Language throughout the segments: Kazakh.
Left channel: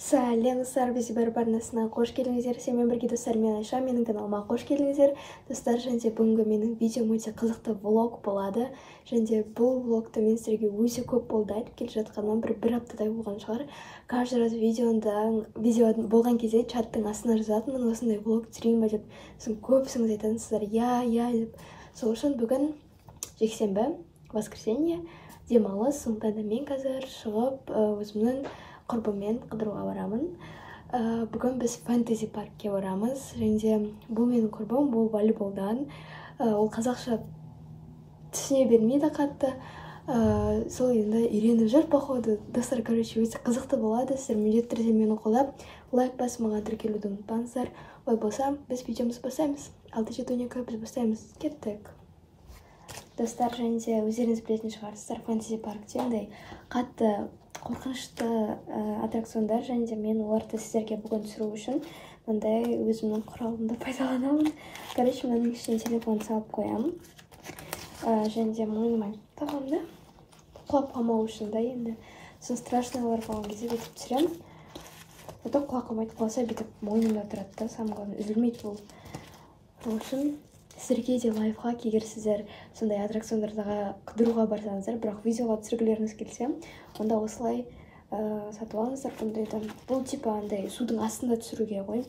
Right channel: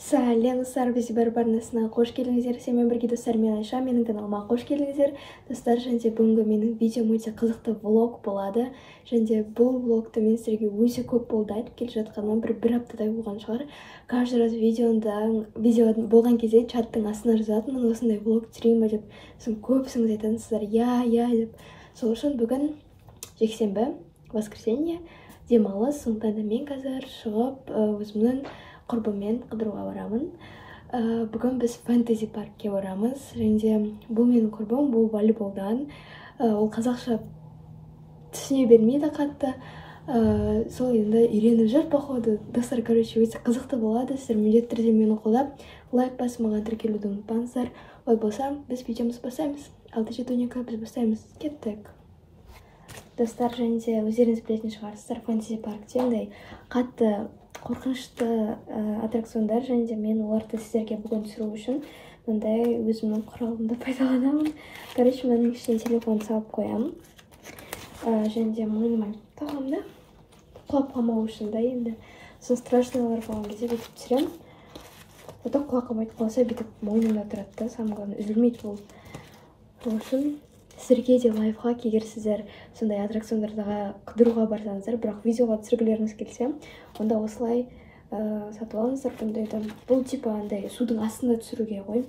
Сәлем біз барнасына қош келдіңіздер. Сенімен бірге достар, мен Айша, менің каналыма қош келдіңіздер. Достар, және бүгінгі менің видеом өте қызықты влог болады. Және бұл влогты мен сіздерге өте көп болды айтып келе жатқаным, бір аптадай болған шығар. Каждый раз видео болған кезде чаттың астына жазатынмын, осындай влог түсірейін ба деп. Сосын көбісіңіз айтасыздар, я деп. Сол үшін бүгін жексенбі, воскресенье, демалыс, сондықтан да мен қазір шығып өзімнің құрбыммен қыдыруға барамын. Бүгін біз фэнтези паркке барамыз. Және бұл менің құрбым, бұл волейболдан. Ол қазақша түсіне бермейді қатты. Сол енді үйреніп жүр, походу. Достар, короче, өте қызықты болады. Сіздер міндетті түрде мені қолдап, лайк басып маған тіркелуді ұмытпаңыздар. Ой болса, біз видеомыз бастаймыз. 6:12 біз бастаймыз. Кеттік. Достар, және өздеріңіз білетін шығарсыздар, фэнтези паркте ондай қатты қорқынышты аттракциондар, және мен оларды сіздерге бүгін түсіру үшін мындай өзімнің құралымды пайдаланамын. Короче, менің ішіне телефон салып қоямын. Және мойныма тағамды құлап қалмау үшін да енді сосын страшныйлар болған кезде бүйтіп түсіремін. Потом құлап қалмайды, қалса бүйтіп мойнымда тұрады да, самое главное, үзілмейді бұл. Сол үшін сіздерге де лайфхак, егер сіздер сондай аттракциондарға қыдыруға барсаңыздар, бірақ видеоға түсіргілеріңіз келсе, онда осылай сатып алыңыздар бұндайды. Бұл типа андай судың астында түсіруге ғой,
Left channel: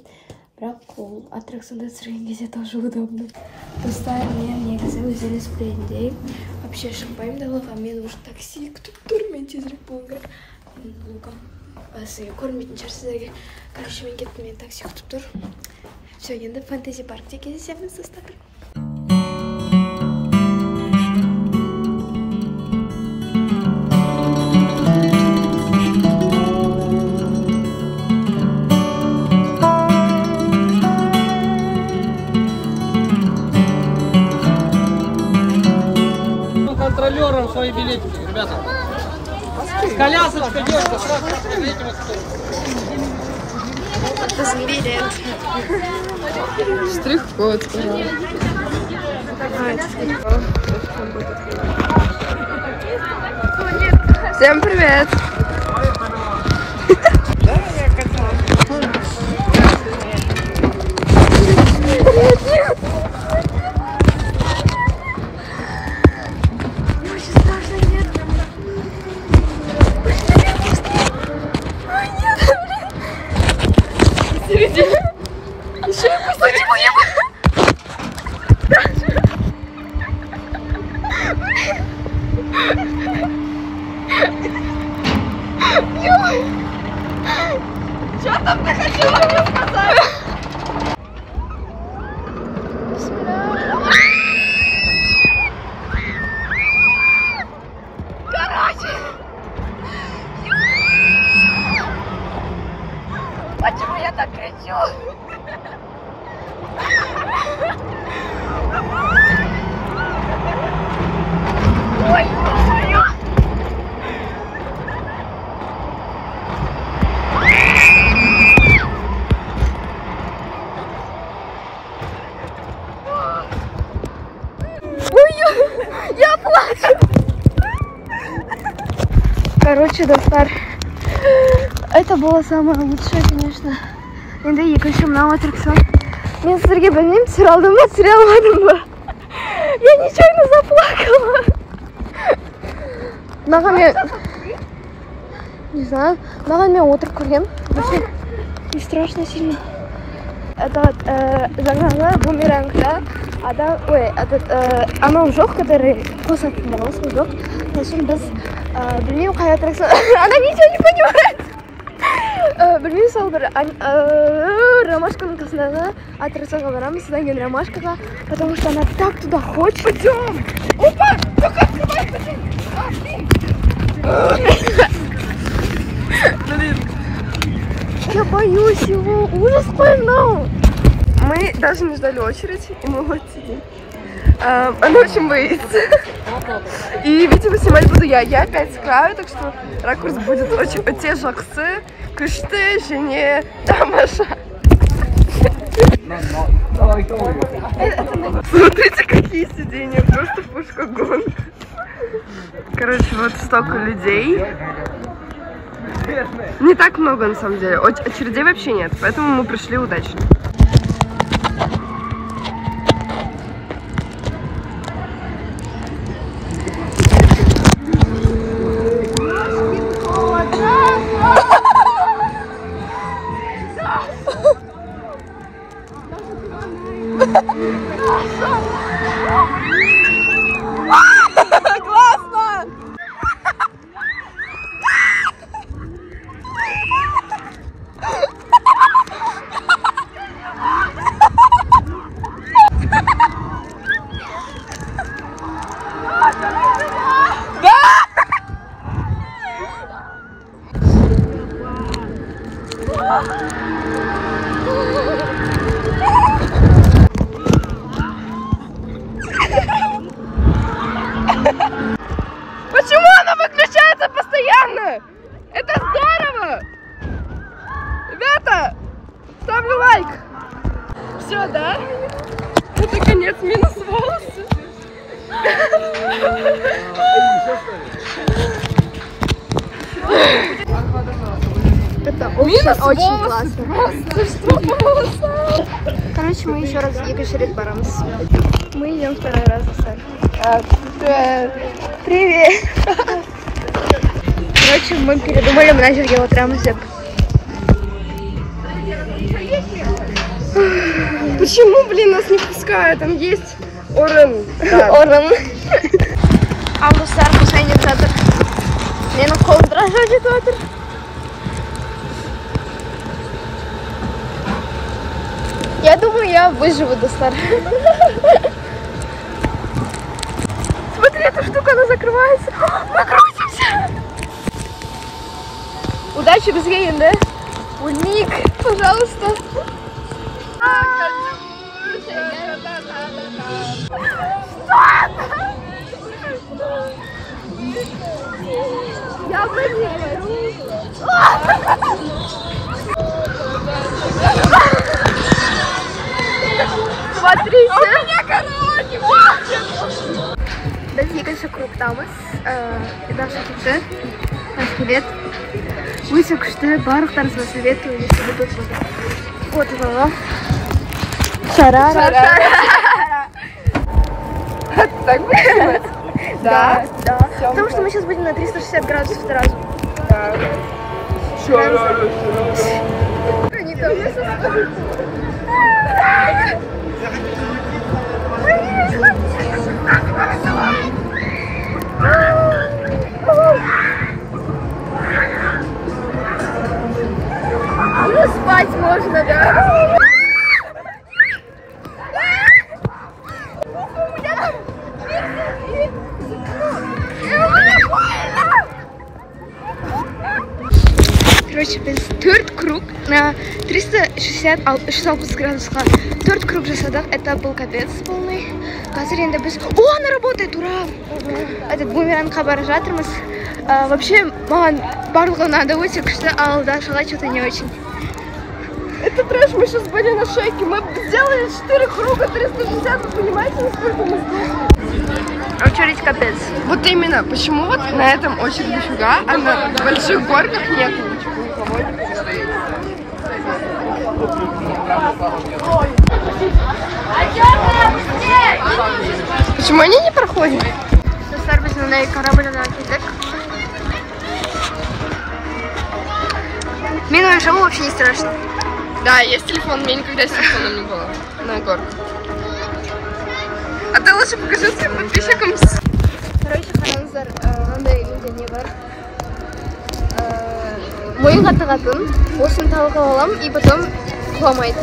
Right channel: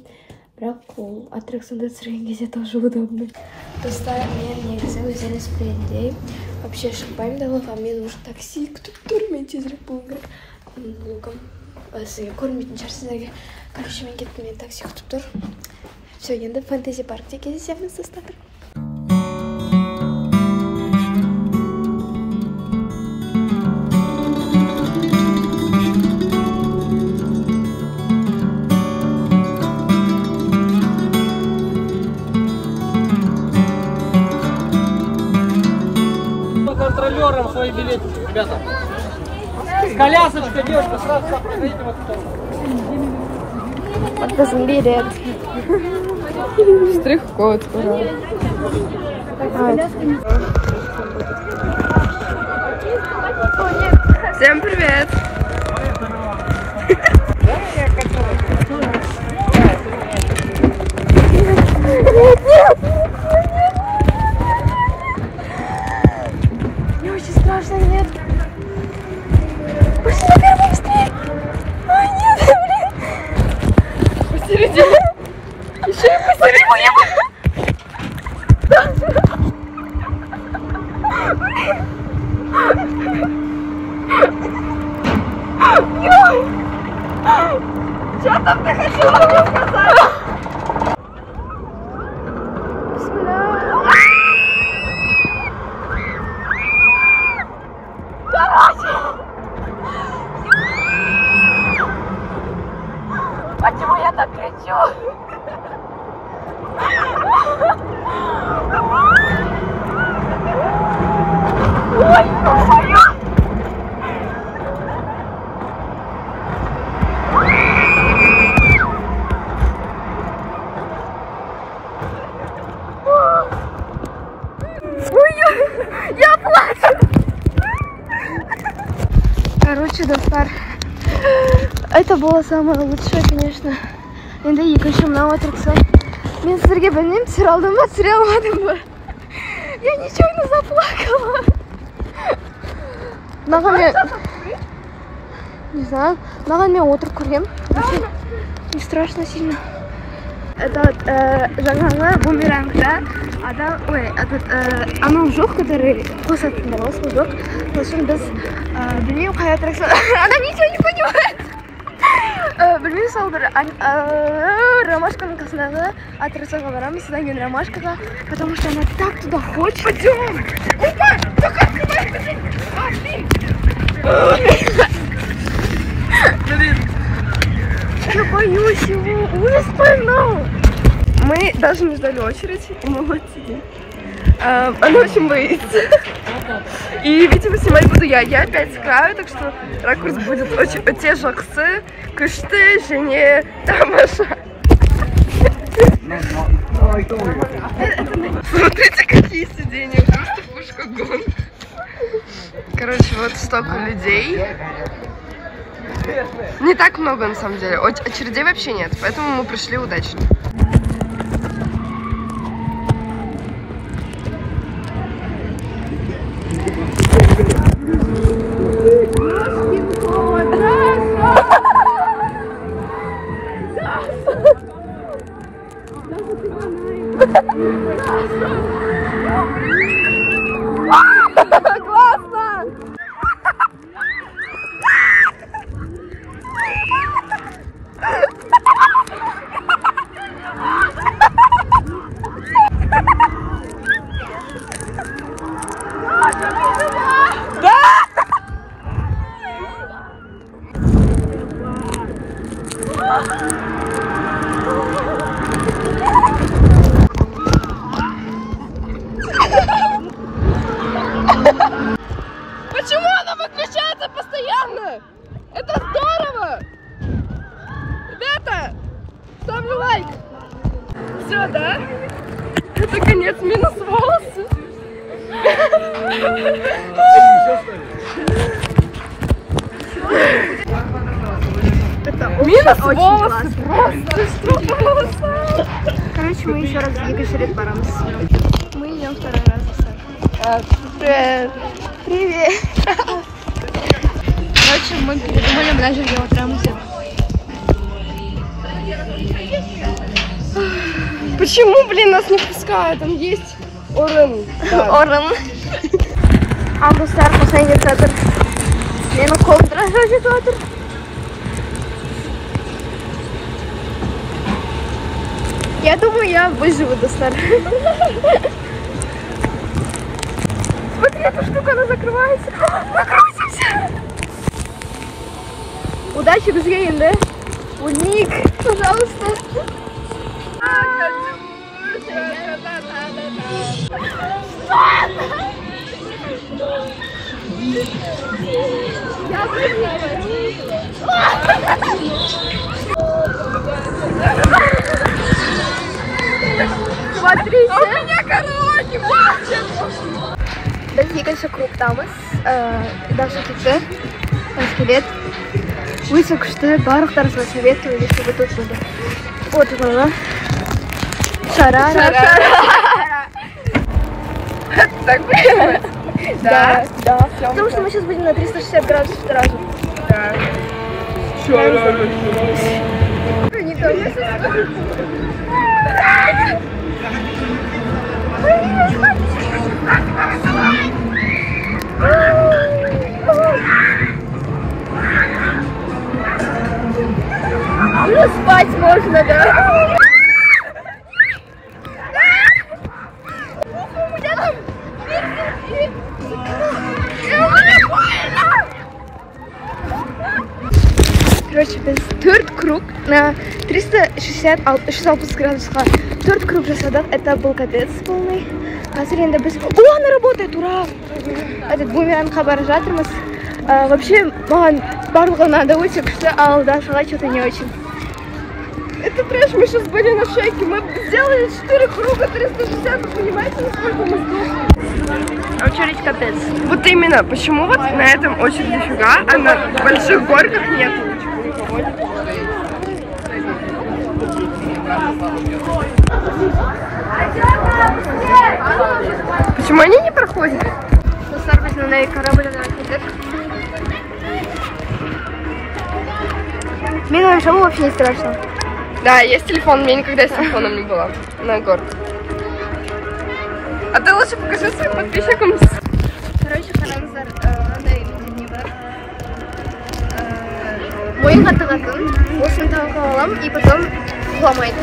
бірақ ол аттракционда түсірген кезде тоже удобно. Достар, мен негізі өздеріңіз білетіндей вообще шықпаймын далаға, мен уже такси күтіп тұр, мен тезірек болуым керек. Сізге көрмейтін шығар сіздерге. Короче, мен кеттім, мен такси күтіп тұр. Все, енді фэнтези паркте кездесеміз, достар. Колясочка, девушка, Вот билет. Штрих-код, скоро. О, нет. Всем привет. Мне очень страшно, нет. Почему я что там ты хотела мне сказать? Короче, почему я так кричу? Ой, ой, я плачу. Короче, достар, это было самое лучшее, конечно. Енді екінші мынау аттракцион. Мен сіздерге білмеймін, түсіре алдым ба, түсіре алмадым ба. Я нечаянно заплакала. Маған мен... Не знаю, маған мен отырып көргем. Не страшно сильно. Это вот жаңағы бумерангта анау жоқ, который қосатындар, осы жоқ. Сосын біз білмеймін қай аттракцион. Она ничего не понимает. Білмеймін, сол бір ромашканың қасындағы аттракционға барамыз, содан кейін ромашкаға, потому что она так туда хочет. Пойдем! Опа! Только открывай, пойдем! Блин! Я боюсь его! Ужас поймал! Мы даже не ждали очередь, и мы вот сидим. Она очень боится. И, видимо, снимать буду я. Я опять с краю, так что ракурс будет очень... Те жақсы, күшті, және тамаша. Смотрите, какие сиденья, просто пушка-гонка. Короче, вот столько людей. Не так много на самом деле. Очередей вообще нет, поэтому мы пришли удачно. Классно! Почему она выключается постоянно? Это здорово! Ребята, ставлю лайк! Все, да? Это конец, минус волосы. Минус волосы просто. Что волосы? Короче, мы еще раз екатерит барамыз. Мы идем второй раз за Сашей. Привет. Привет! Короче, мы передумали, мына жерге отырамыз деп. Почему, блин, нас не пускают? Там есть орын. Орын. Ал достар, қосайын деп жатыр. Менің қолым дрожать етіп жатыр. Я думаю, я выживу, достар. Смотри, эта штука, она закрывается. Мы крутимся! Удачи бізге енді. Ульник, пожалуйста. Я поверю. Смотрите. Біз екінші кругтамыз. Даша кетті. Скелет. Өте күшті. Барлықтарыңызға советую, если вы тут были. Вот это. Шарара. Так будет? Да. Потому что мы сейчас будем на 360 градусов сразу. Да. Ну, спать можно, да? Короче, біз 4 круг на 360 градусқа 4 круг жасадық. Это был капец полный. Қазір енді біз... О, она работает, ура! Этот бумерангқа бара жатырмыз. Вообще, маған барлығы надо өте күшті, ал Дашаға что-то не очень. Это трэш, мы сейчас были на шейке. Мы сделали 4 круга 360, вы понимаете, сколько мы сделали? Очередь капец. Вот именно, почему вот на этом очередь дофига, а на больших горках нет ничего. Почему они не проходят? Достар, біз мындай корабльға келдік. Мен ойымша, вообще не страшно. Да, есть телефон, мне никогда с телефоном не было на горке. А ты лучше покажи своим подписчикам. Короче, қараңыздар, андай не бар. Мойынға тағатын, осыны тағып алам, и потом құламайды.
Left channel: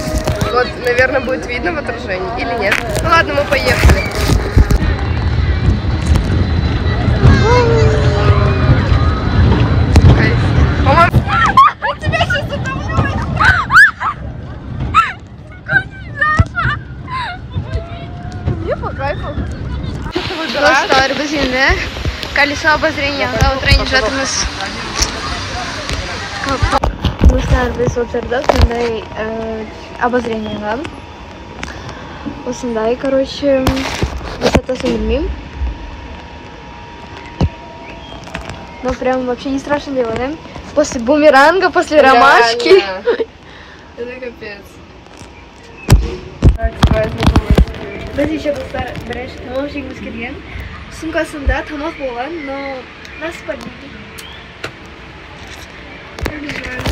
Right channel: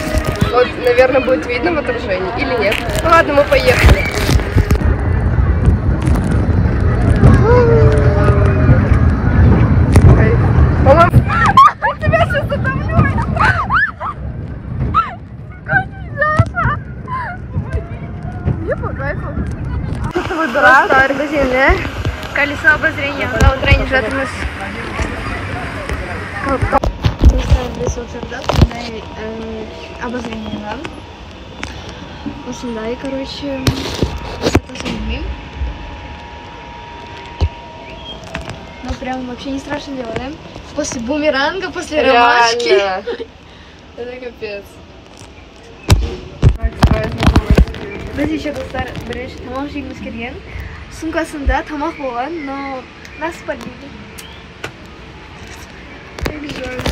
Вот, наверное, будет видно в отражении, или нет. Ну ладно, мы поехали. Тебя сейчас затомлю! Мне по кайфу. Достар, біз енді колесо обозренияға отырайын жатырмыз. Достар, біз отырдық мындай обозренияға. Осындай, короче, высотасын білмеймін. Но прям вообще не страшно дело, да? после бумеранга, после ромашки. Это капец. Біз еще достар бірінші тамақ жегіміз келген. Сумкасында тамақ болған, но нас подбили. Как жаль.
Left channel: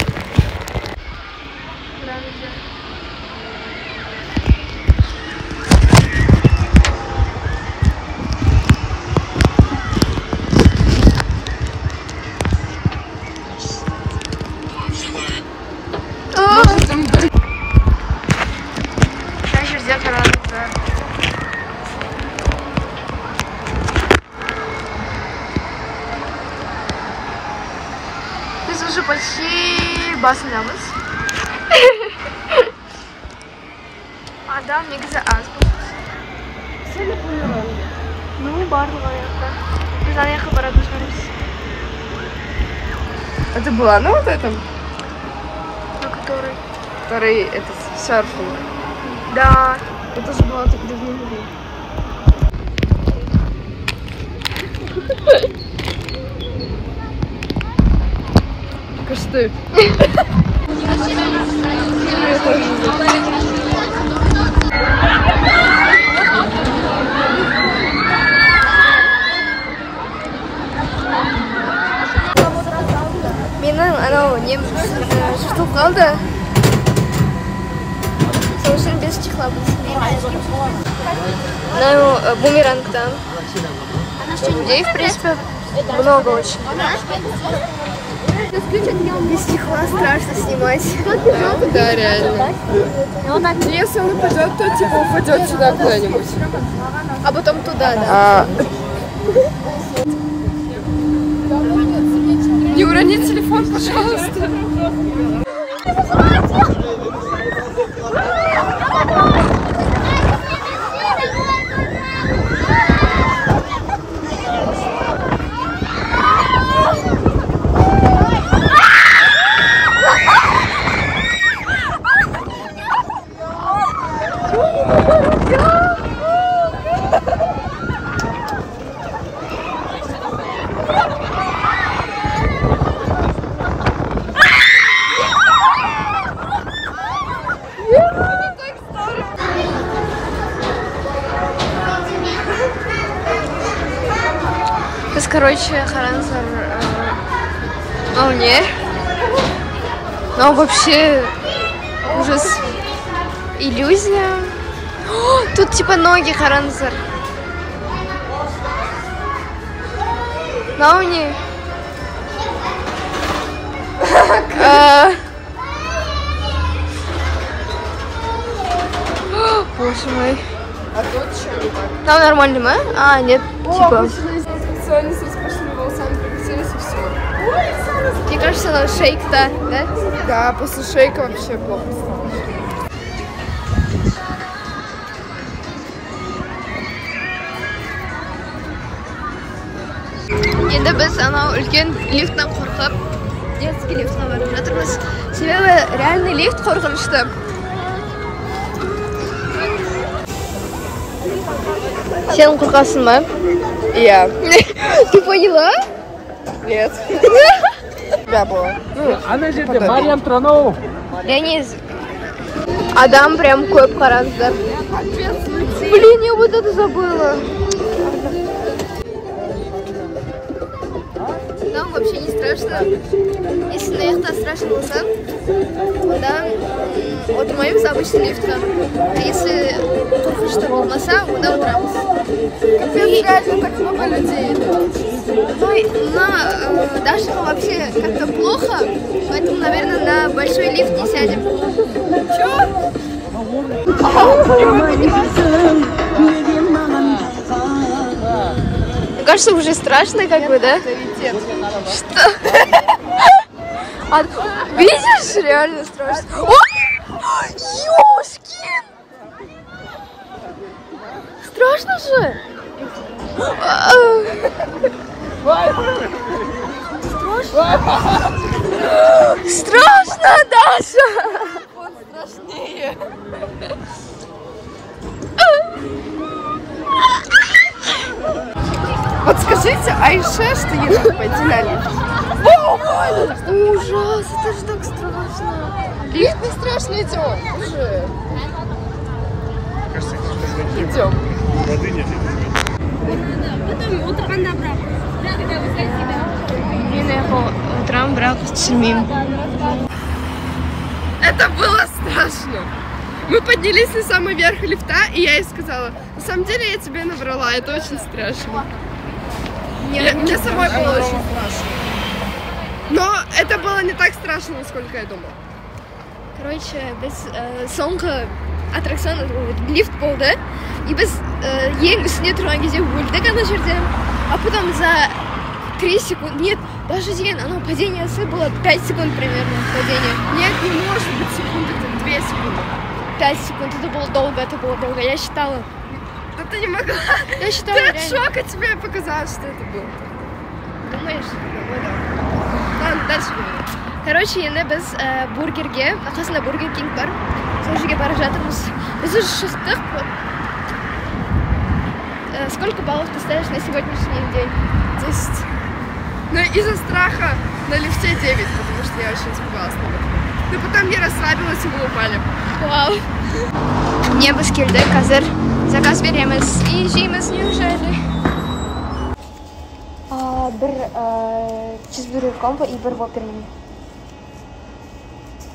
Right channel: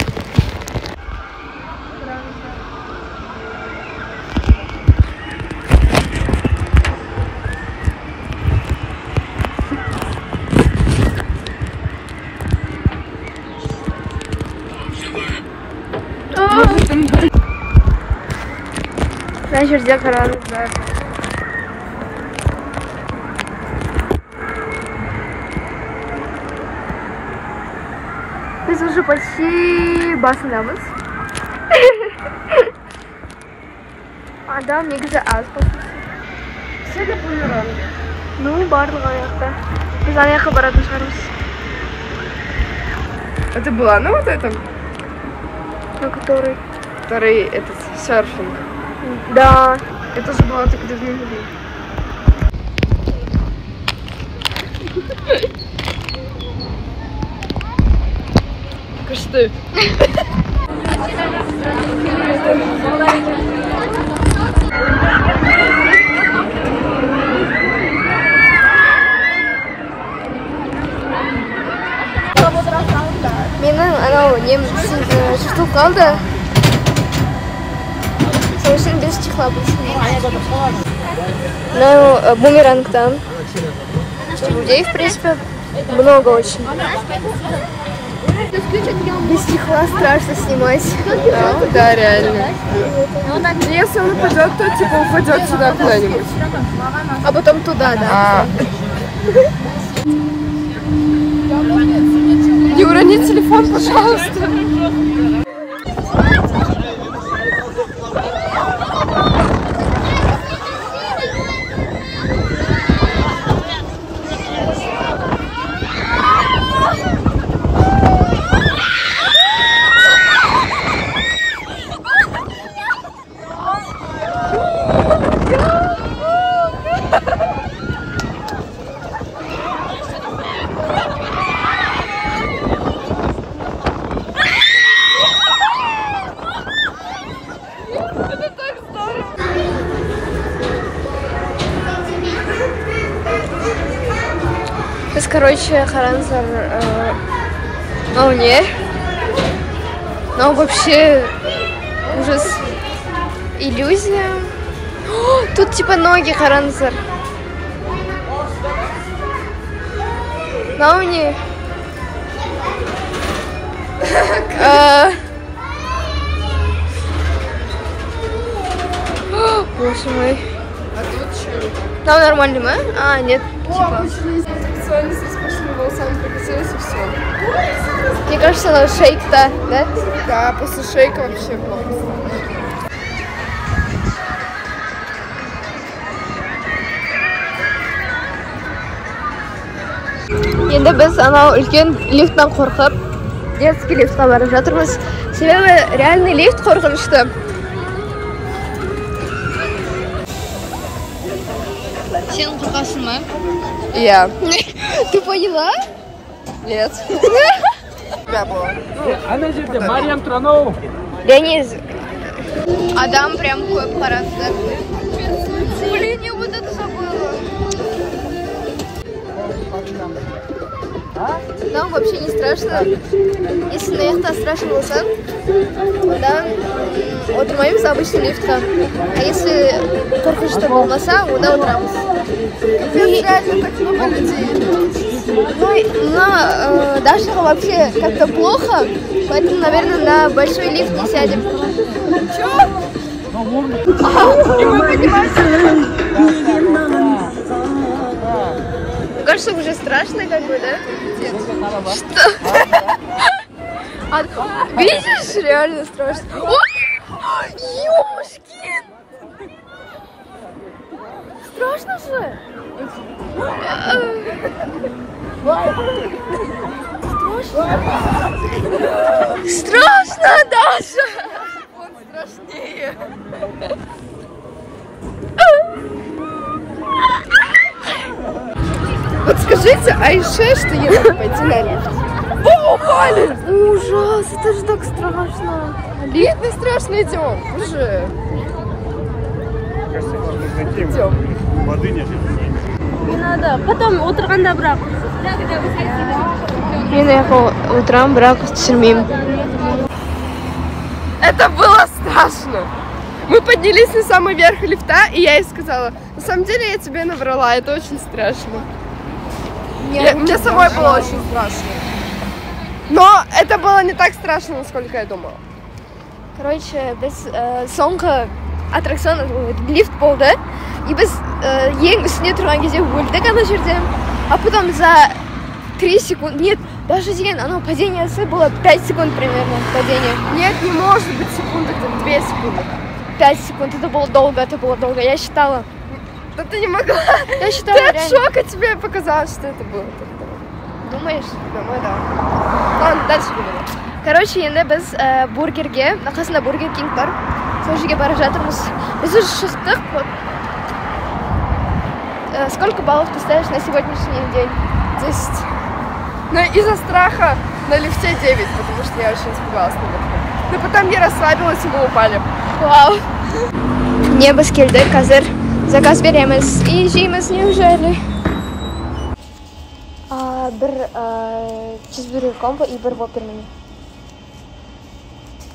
Правда. Мына жерде қараңыздар. Біз уже почти басындамыз. Адам негізі аз бұл. Сегодня бумеранг. Ну, барлығы аяқта. Біз аяққа баратын шығармыз. Это была на вот этом? На который? Второй, это серфинг. Да. Это же было так давно. Кышты. Менің анау нем жыртылып қалды. Сол үшін без чехла будем. Мынау бумеранг там. Людей, в принципе, много очень. Без чехла страшно снимать. Да, реально. Ну, если он упадет, то типа упадет сюда куда-нибудь. А потом туда, да. Не урони телефон, пожалуйста. Biz, короче, Харанзар не. Но вообще ужас. Иллюзия. О, тут типа ноги Харанзар. Науни. Боже мой. Там нормально, да? А, нет, типа. Специально с искусственными волосами покатилась и все. Мне кажется, она шейк-то, да? Да, после шейка вообще плохо стало. Енді біз анау үлкен лифттан қорқып, детский лифтқа барып жатырмыз. Себебі реальный лифт қорқынышты. Сен қорқасың ба? Я. Ты поняла? Нет. Да, было. Ана жерде Мариям Тронов. Леонид, Адам прям көп қаранды. Блин, я вот это забыла. Нам вообще не страшно. Если на яхта страшно болсан, да, отырмаймыз обычный лифтқа. А если қорқынышты болмаса, онда отырамыз. Так много людей. Ну, на Дашка вообще как-то плохо, поэтому, наверное, на большой лифт не сядем. Чё? Мне кажется, уже страшно, как бы, да? Что? А, видишь, реально страшно. Ёшкин! Страшно же? Страшно, Даша! Он страшнее. Вот скажите Айше, что ей надо пойти на лифт. Вот! упали! Ужас, это же так страшно. Лифт не страшно, идем уже. Идем. Не надо. Потом утром брак. Утром брак түсірмеймін. Это было страшно. Мы поднялись на самый верх лифта, и я ей сказала, на самом деле я тебе наврала, это очень страшно. Мне самой было очень страшно. Но это было не так страшно, насколько я думала. Короче, біз соңғы аттракцион лифт болды. И біз ең үстіне тұрған кезде өлдік ана жерден. А потом за 3 секунды, нет, даже деген, оно падение было 5 секунд примерно, падение. Нет, не может быть секунды, где-то 2 секунды. 5 секунд, это было долго, я считала. Да ты не могла. Я считала, ты от реально. шока тебе показалось, что это было. Думаешь? Думаю, да. Ладно, дальше говорю. Короче, енді біз бургерге, қасында бургер кинг бар, сол жерге бара жатырмыз. Біз уже шықтық. Сколько баллов ты ставишь на сегодняшний день? 10. Но из-за страха на лифте 9, потому что я очень испугалась наверху. Но потом я расслабилась, и мы упали. Вау. Не біз келдік, қазір заказ береміз и жейміз, неужели? Бір чизбургер комбо и бір воппер меню.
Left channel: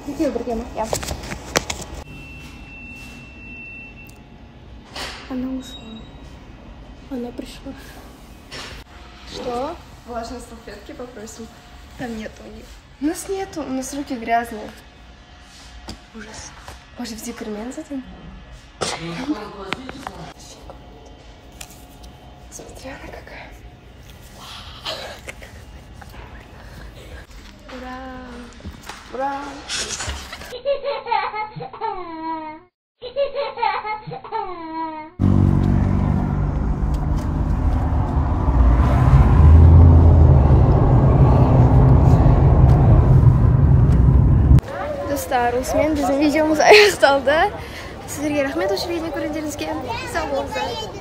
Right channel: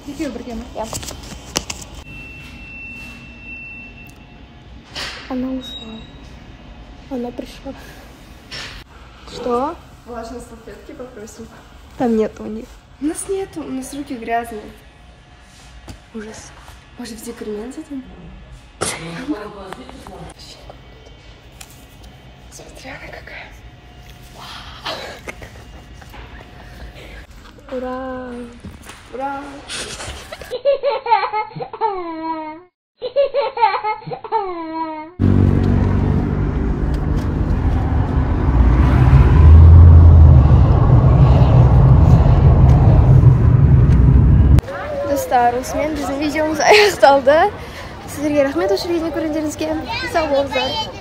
Екеуі бірге ме? Ja. Она ушла. Она пришла. Что? Влажные салфетки попросим. Там нету у них. У нас нету, у нас руки грязные. Ужас. Может, в декремен зайдем? Смотри, она какая. Ура! Ура! Достар, осымен біздің видеомыз аяқталды. Сіздерге рахмет, осы жерге көргендеріңізге. Сау болыңыздар.